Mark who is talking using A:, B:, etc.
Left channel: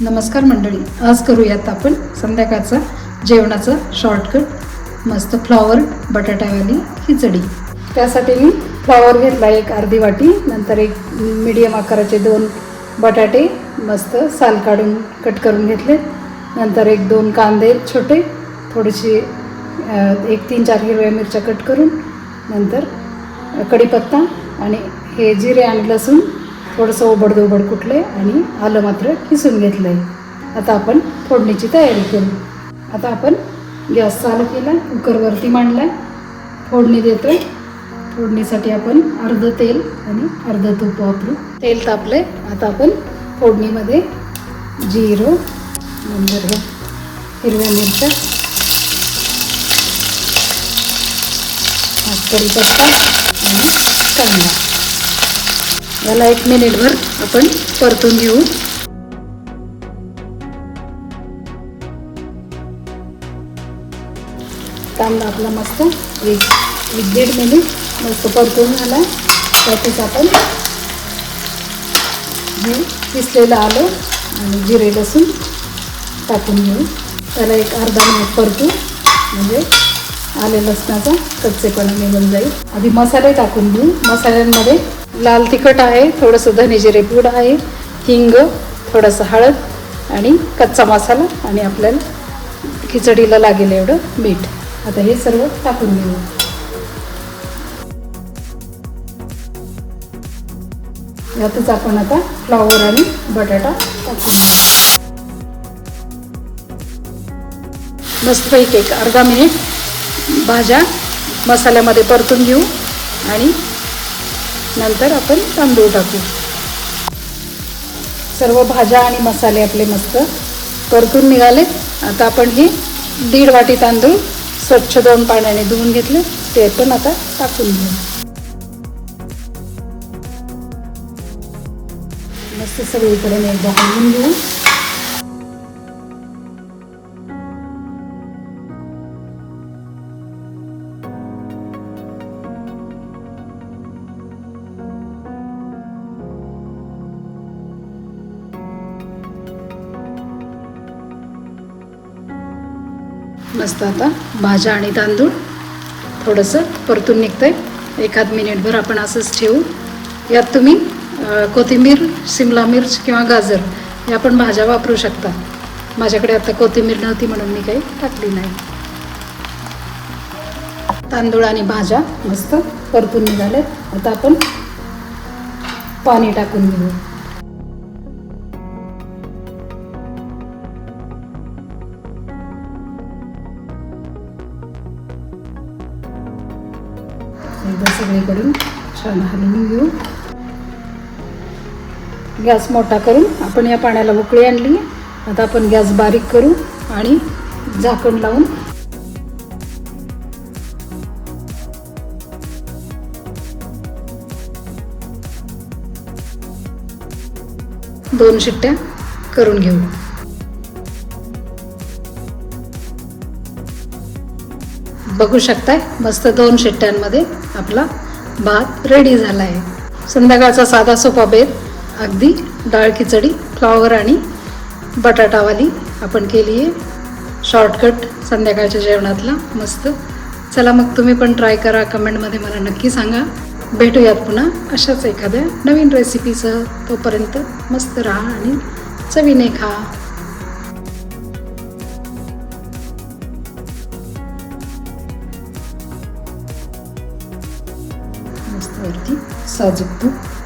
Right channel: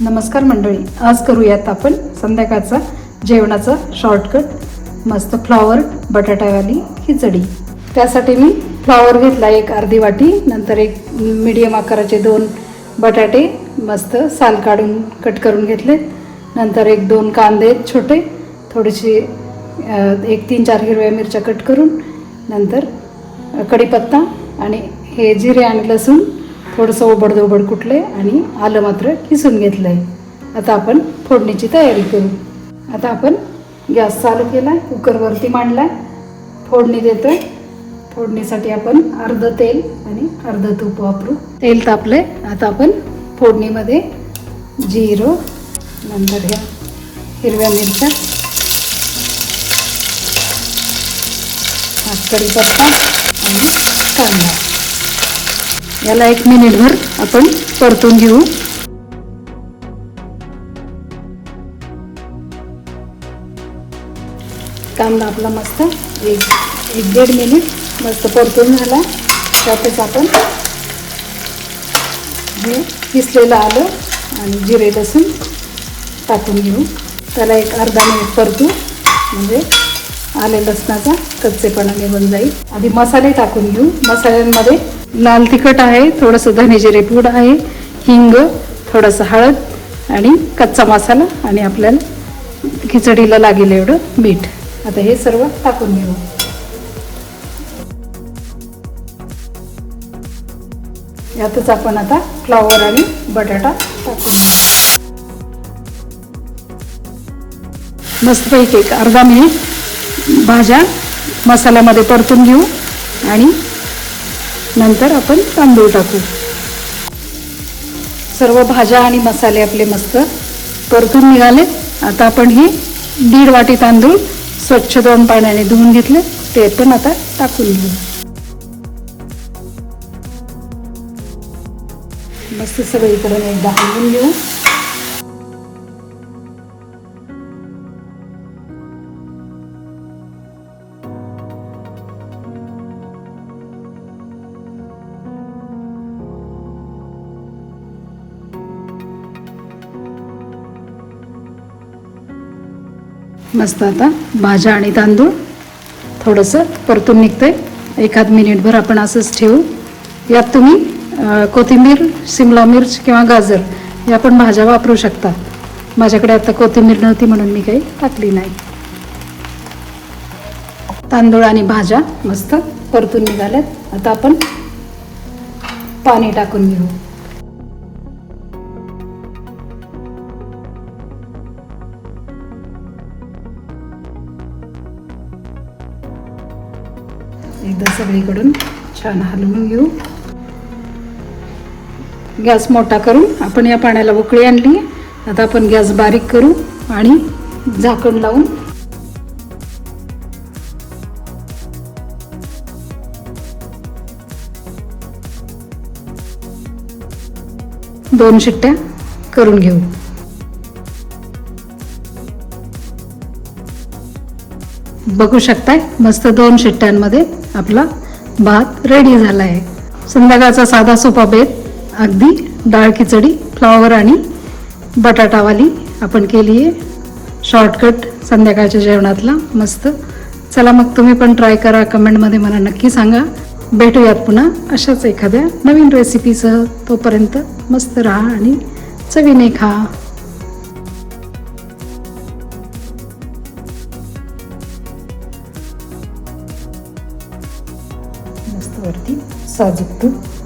A: नमस्कार मंडळी. आज करूयात आपण संध्याकाळचा जेवणाचा शॉर्टकट मस्त फ्लॉवर बटाट्यावाली खिचडी. त्यासाठी मी फ्लॉवर घेतला एक अर्धी वाटी नंतर एक मीडियम आकाराचे दोन बटाटे मस्त साल काढून कट करून घेतले. नंतर एक दोन कांदे छोटे थोडीशी एक तीन चार हिरव्या मिरच्या कट करून नंतर कढीपत्ता आणि हे जिरे आणि लसूण थोडंसं ओबड ओबड कुठले आणि आलं मात्र किसून घेतलं आहे आता आपण फोडणीची तयारी करू. आता आपण गॅस चालू केला कुकरवरती मांडला फोडणी देतोय. फोडणीसाठी आपण अर्धं तेल आणि अर्धं तूप वापरू. तेल तापले आता आपण फोडणीमध्ये जिरो नंबर हे हिरव्या मिरच्या कढीपत्ता आणि कांदा. याला एक मिनिटभर आपण परतून घेऊ. कांदा आपला मस्त. एक एक दीड मिनिट मस्त परतून झाला. त्यातच आपण हे किसलेलं आलं आणि जिरे लसूण टाकून घेऊ. त्याला एक अर्धा मिनिट परतू. म्हणजे आले लसणाचा कच्चेपणा निघून जाईल. आधी मसाले टाकून घेऊ. मसाल्यांमध्ये लाल तिखट आहे थोडंसं धनेजिरे पूड आहे हिंग थोडंसं हळद आणि कच्चा मसाला आणि आपल्याला खिचडीला लागेल एवढं मीठ. आता हे सर्व टाकून घेऊ यातच आपण आता फ्लॉवर आणि बटाटा टाकून देऊ. मस्त एक एक अर्धा मिनिट भाज्या मसाल्यामध्ये परतून घेऊ आणि नंतर आपण तांदूळ टाकू. सर्व भाज्या आणि मसाले आपले मस्त परतून मिळालेत आता आपण हे दीड वाटी तांदूळ स्वच्छ दोन पाण्याने धुवून घेतले. ते पण आता टाकून घेऊ. मस्त सगळीकडे एकदा हलवून घेऊ. मस्त आता. भाज्या आणि तांदूळ. थोडंसं परतून निघते एखाद मिनिटभर आपण असंच ठेवू. यात तुम्ही कोथिंबीर शिमला मिर्च किंवा गाजर या पण भाज्या वापरू शकता. माझ्याकडे आता कोथिंबीर नव्हती म्हणून मी काही टाकली नाही. तांदूळ आणि भाज्या मस्त परतून निघाल्या आता आपण पाणी टाकून घेऊ. एकदा सगळीकडून छान हलवून घेऊ. गॅस मोठा करू. आपण या पाण्याला उकळी आणली. आता आपण गॅस बारीक करू आणि झाकण लावून दोन शिट्ट्या करून घेऊ. बघू शकताय. मस्त दोन शिट्ट्यांमध्ये आपला भात रेडी झाला आहे संध्याकाळचा साधा सोपा बेत अगदी डाळ खिचडी फ्लॉवर आणि बटाटावाली आपण केली आहे शॉर्टकट संध्याकाळच्या जेवणातला. मस्त. चला मग तुम्ही पण ट्राय करा. कमेंटमध्ये मला नक्की सांगा. भेटूयात पुन्हा अशाच एखाद्या नवीन रेसिपीसह तोपर्यंत मस्त राहा आणि चवीने खा. मस्त वरती साजूक तूप